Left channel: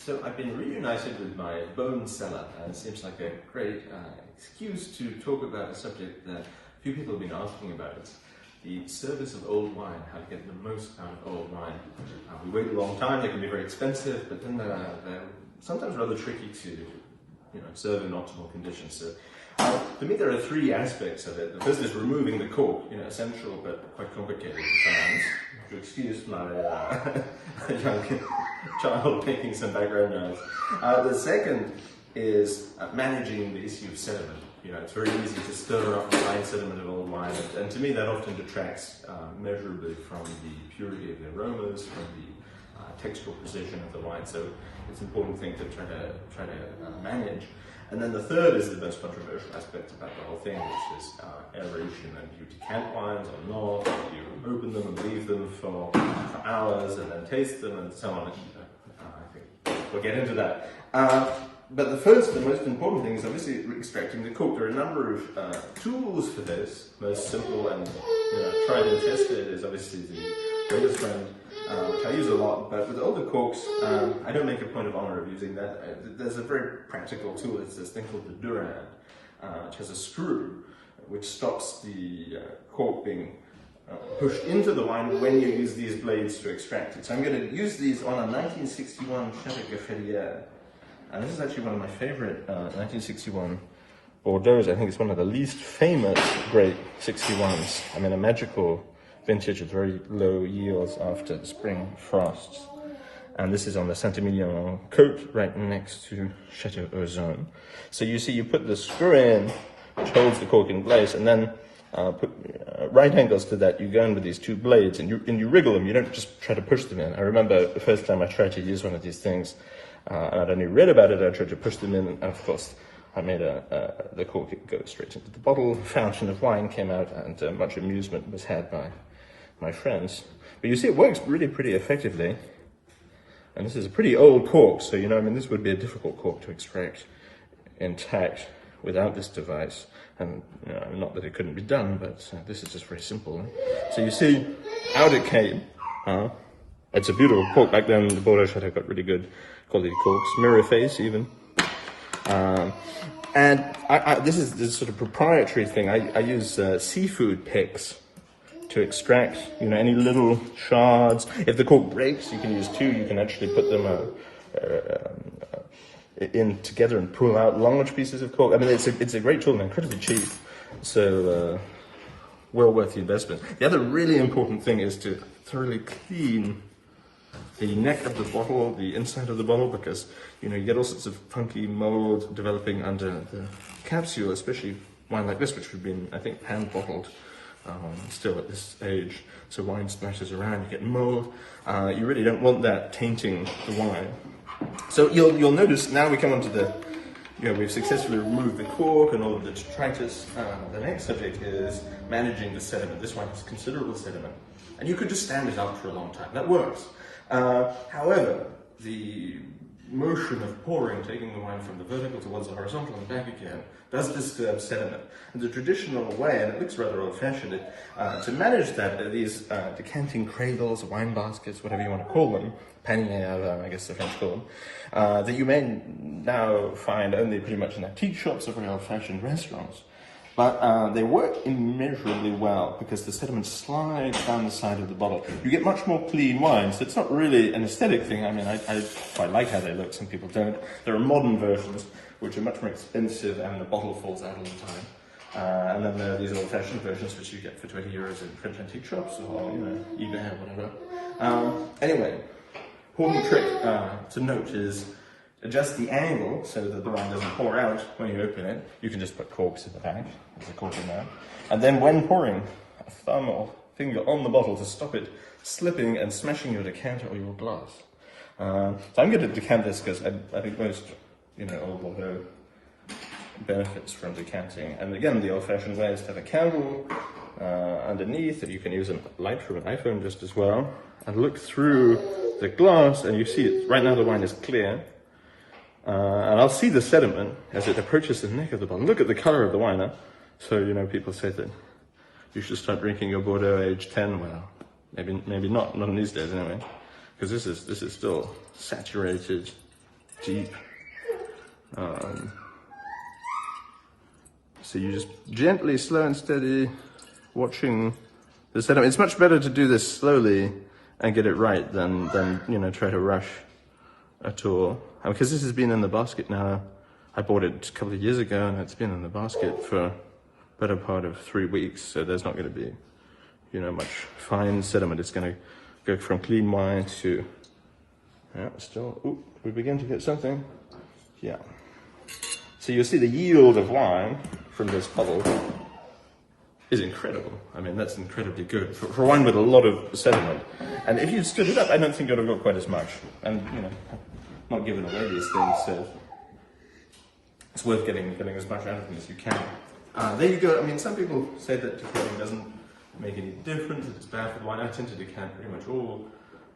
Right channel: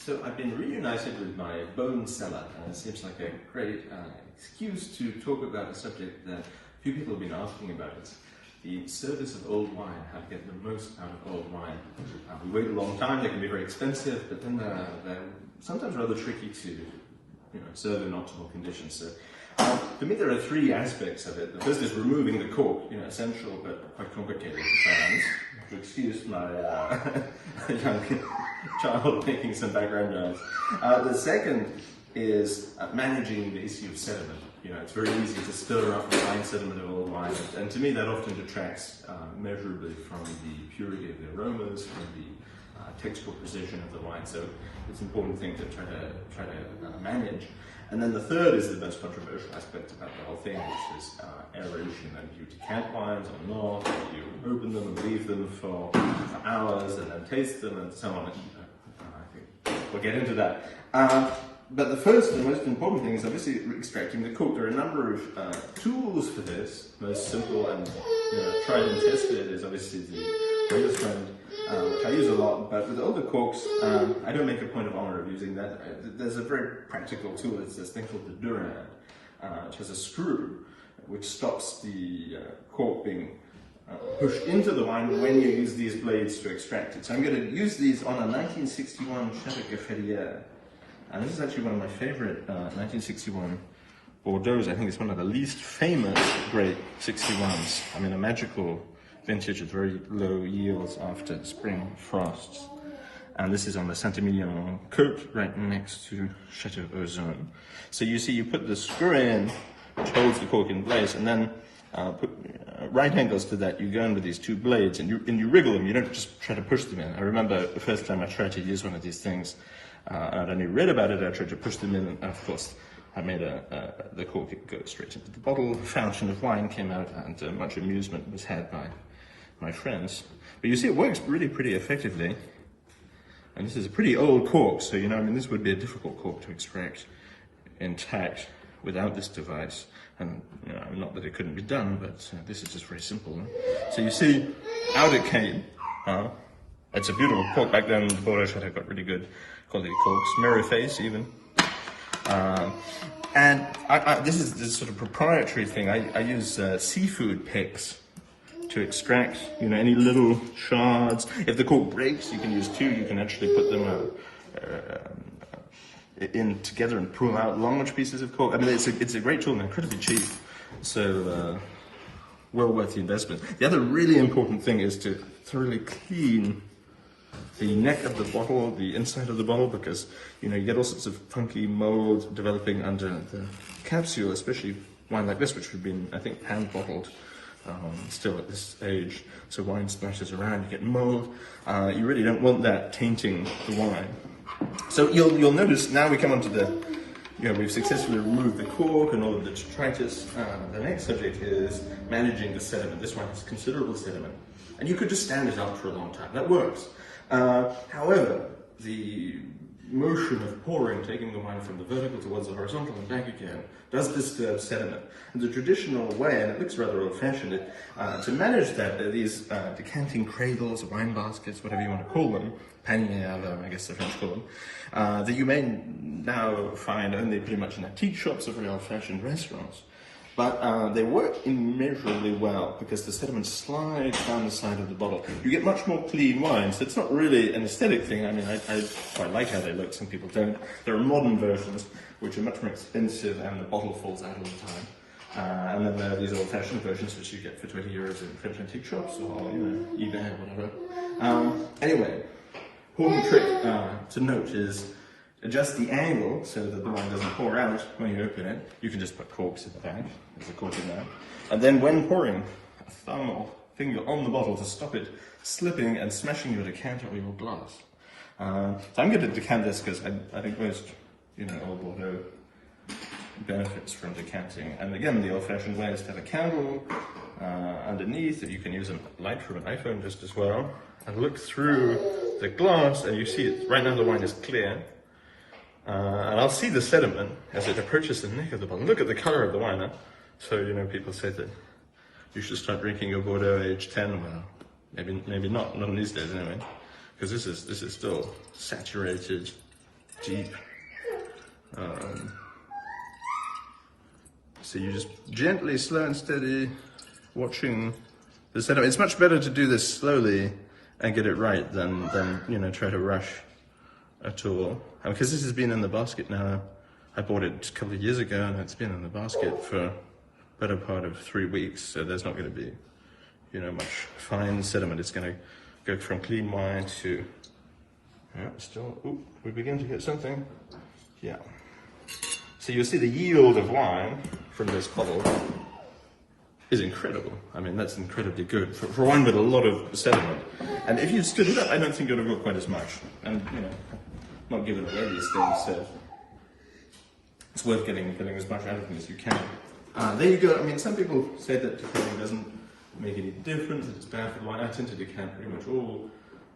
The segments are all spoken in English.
So I've been reunited with my bone cellar. It seems like a great excuse to talk about a subject that few people have been asking about. It's the service of old wine, how to get the most out of old wine. We wait a long time, they can be very expensive, but then they're sometimes rather tricky to serve in optimal conditions. So for me there are three aspects of it. The first is removing the cork, essential but quite complicated at times. Excuse my young child making some background noise. The second is managing the issue of sediment. It's very easy to stir up the fine sediment of old wine, and to me that often detracts measurably from the purity of the aromas, from the textural precision of the wine. So it's an important thing to try to manage. And then the third is the most controversial aspect about the whole thing, which is aeration. And you decant wines or not, you open them and leave them for hours and then taste them and so on. I think we'll get into that. But the first and most important thing is obviously extracting the cork. There are a number of tools for this. Most simple and tried and tested is obviously the Rail friend, which I use a lot, but with all the corks, I don't make a point of honor of using that. There's a very practical tool. It's this thing called the Durand, which has a screw which stops the cork being pushed into the wine when you use these blades to extract it. So I'm going to use these on a 1961 Château La Gaffelière, and this is actually one of my favorite 1961 Bordeaux. I think it's one of the least famous great 61s. I mean, a magical vintage of very low yields after spring frosts. And this is on the Saint-Emilion coast, right next to Château Ozone. So you see, you put the screw in, change the cork in place, and then put right angles to that. You go in with these two blades, and you wriggle them. You don't just try to push them in. I remember the first time I tried to use one of these things, I'd only read about it. I tried to push them in, and of course, I made the cork go straight into the bottle. A fountain of wine came out, and much amusement was had by my friends. But you see, it works really pretty effectively. And this is a pretty old cork, so this would be a difficult cork to extract intact without this device. And not that it couldn't be done, but this is just very simple. So you see, out it came. It's a beautiful cork. Back then, the Bordeaux Chateau got really good quality corks, mirror face even. And this is this sort of proprietary thing. I use seafood picks to extract, any little shards. If the cork breaks, you can use two. You can actually put them in together and pull out large pieces of cork. I mean, it's a great tool and incredibly cheap. So well worth the investment. The other really important thing is to thoroughly clean the neck of the bottle, the inside of the bottle, because you get all sorts of funky mold developing under the capsule, especially wine like this, which would be, I think, hand bottled. Still at this stage, so wine splashes around, you get mold. You really don't want that tainting the wine. So you'll notice now we come on to we've successfully removed the cork and all of the detritus. The next subject is managing the sediment. This one has considerable sediment, and you could just stand it up for a long time. That works. However, the motion of pouring, taking the wine from the vertical towards the horizontal and back again, does disturb sediment. And the traditional way, and it looks rather old-fashioned, to manage that, there are these decanting cradles, wine baskets, whatever you want to call them, panier, I guess the French call them, that you may now find only pretty much in antique shops or very old-fashioned restaurants. But they work immeasurably well because the sediment slides down the side of the bottle. You get much more clean wine, so it's not really an aesthetic thing. I mean, I quite like how they look, some people don't. There are modern versions which are much more expensive and the bottle falls out all the time. And then there are these old-fashioned versions which you get for 20 euros in French antique shops or, eBay or whatever. Anyway, important trick to note is adjust the angle so that the wine doesn't pour out when you open it. You can just put corks in the back, there's a cork in there. And then when pouring, a thumb or finger on the bottle to stop it slipping and smashing your decanter or your glass. So I'm going to decant this because I think most, old Bordeaux benefits from decanting. And again, the old-fashioned way is to have a candle underneath, that you can use a light from an iPhone just as well. And look through the glass and you see it. Right now the wine is clear. And I'll see the sediment as it approaches the neck of the bottle. Look at the color of the wine. So, people say that you should start drinking your Bordeaux age 10. Well, maybe not in these days anyway, because this is still saturated deep. So you just gently, slow and steady, watching the sediment. It's much better to do this slowly and get it right than try to rush at all. Because this has been in the basket now. I bought it a couple of years ago and it's been in the basket for a better part of 3 weeks. So there's not going to be, much fine sediment. It's going to go from clean wine to, we begin to get something. Yeah. So you'll see the yield of wine from this bottle is incredible. I mean, that's incredibly good for wine with a lot of sediment. And if you stood it up, I don't think it would have got quite as much. And, not giving away these things, so it's worth getting as much out of them as you can. There you go. I mean, some people say that decanting doesn't make any difference, it's bad for wine. I tend to decant pretty much all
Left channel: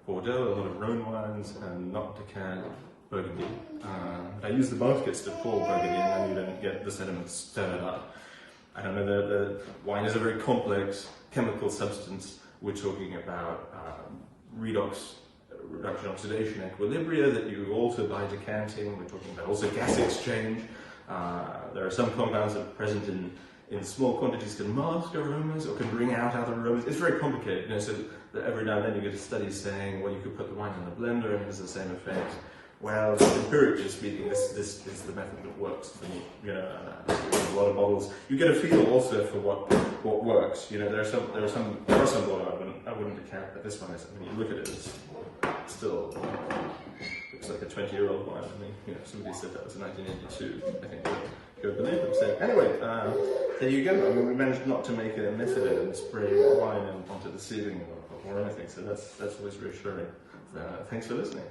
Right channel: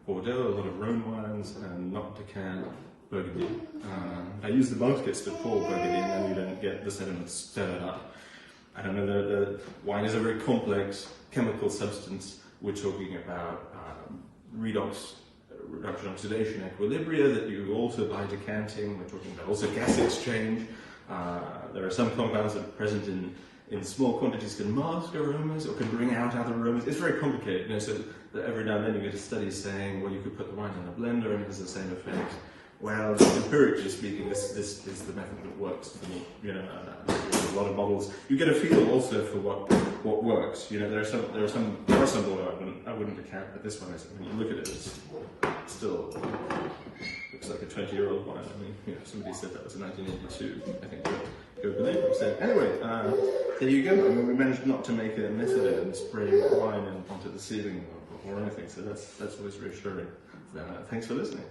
Bordeaux, a lot of Rhone wines, and not decant Burgundy. I use the baskets to pour Burgundy, and then you don't get the sediment stirred up. I don't know, the wine is a very complex chemical substance. We're talking about reduction, oxidation, equilibria that you also by decanting. We're talking about also gas exchange. There are some compounds that are present in small quantities can mask aromas or can bring out other aromas. It's very complicated, so that every now and then you get a study saying, well, you could put the wine in a blender and it has the same effect. Well, empirically speaking, this is the method that works for me. A lot of bottles. You get a feel also for what works. There are some bottles I wouldn't decant, but this one is. I mean, you look at it, it's still looks like a 20-year-old wine. I mean, somebody said that was 1982. I think go believe them. So anyway, there you go. I mean, we managed not to make a mess of it and spray wine onto the ceiling or anything. So that's always reassuring. Thanks for listening.